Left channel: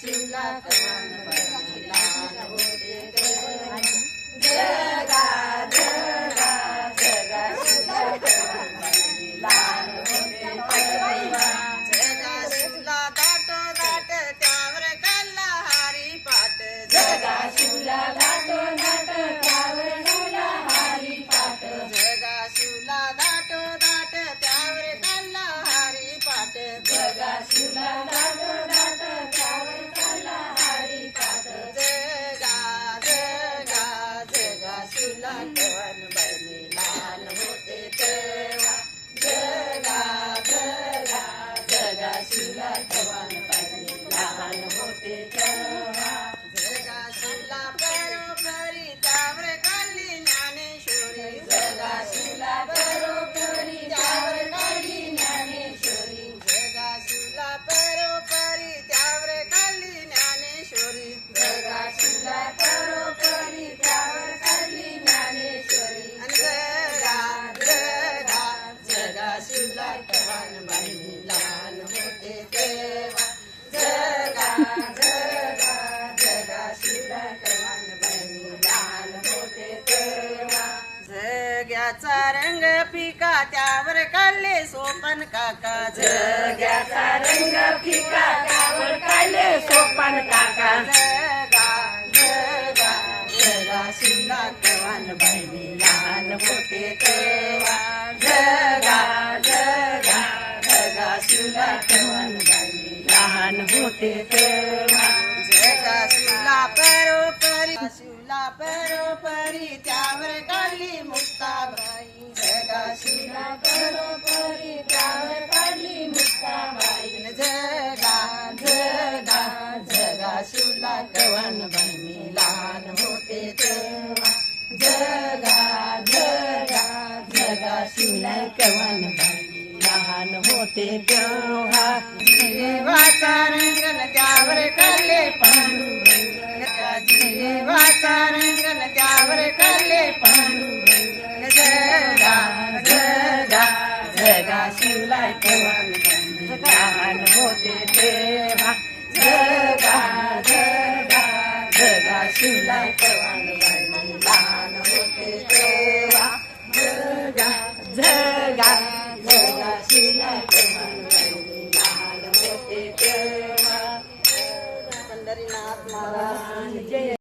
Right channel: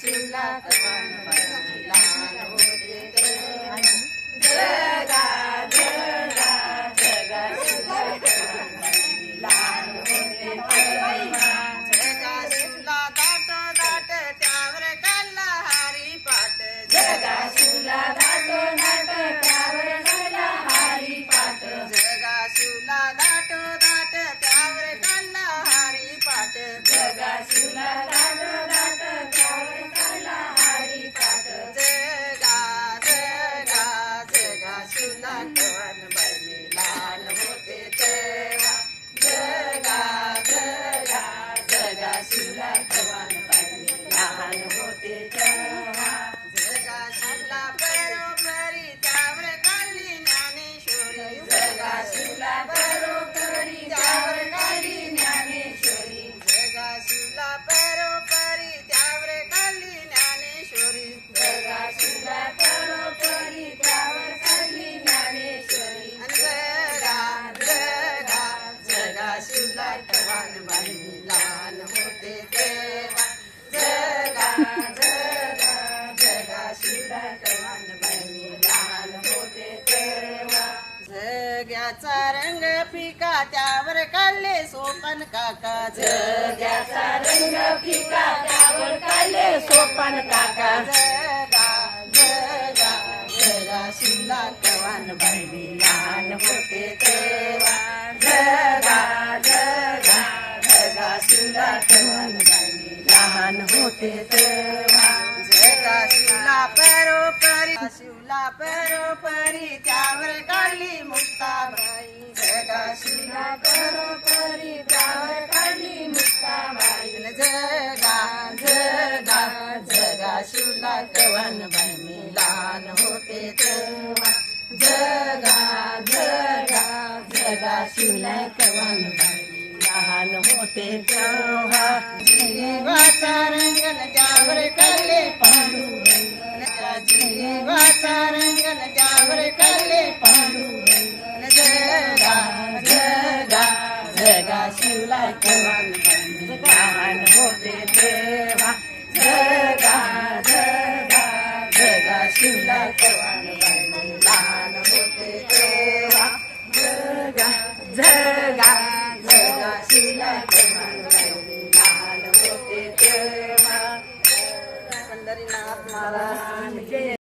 शिवला कवन बाई जगा शिवला कवन लहान होते तेव्हा जगा शिवला बरोबरी त्यावर काढली ज्ञानेश्वरी. जगा शिवला बरोबरी त्यावर काढली ज्ञानेश्वरी. जगा शिवला बरोबरी त्यावर काढली ज्ञानेश्वरी. जगा शिवला कवान होते तेव्हा जग्याचा रंग फिका त्यावर काढले सोपन काका. जग्याचा रंग फिका त्यावर काढले सोपन काका. जगा जगा जगा शिवला कवान बहिणी लहान होते तेव्हा. लहान होते तेव्हा जगा शिवला परोपरी शिवला परोपरी त्यावर काढली मुक्ताबाई. जगा शिवला परोपरी त्यावर काढली मुक्ताबाई. आणि जगा जगा जगा शिवला कवन बाई लहान होते तेव्हा जगा जगा जगा शिवला कवन बाई लहान होते तेव्हा जीवाचा रंगन त्यावर करले पांडुरंग जीवाचा रंगन त्यावर करले पांडुरंग जगा जगा जगा शिवला लहान होते तेव्हा जगा जगा जगा शिवला लहान होते तेव्हा जगा जगा. પંડરીનાથ મહારાજ જય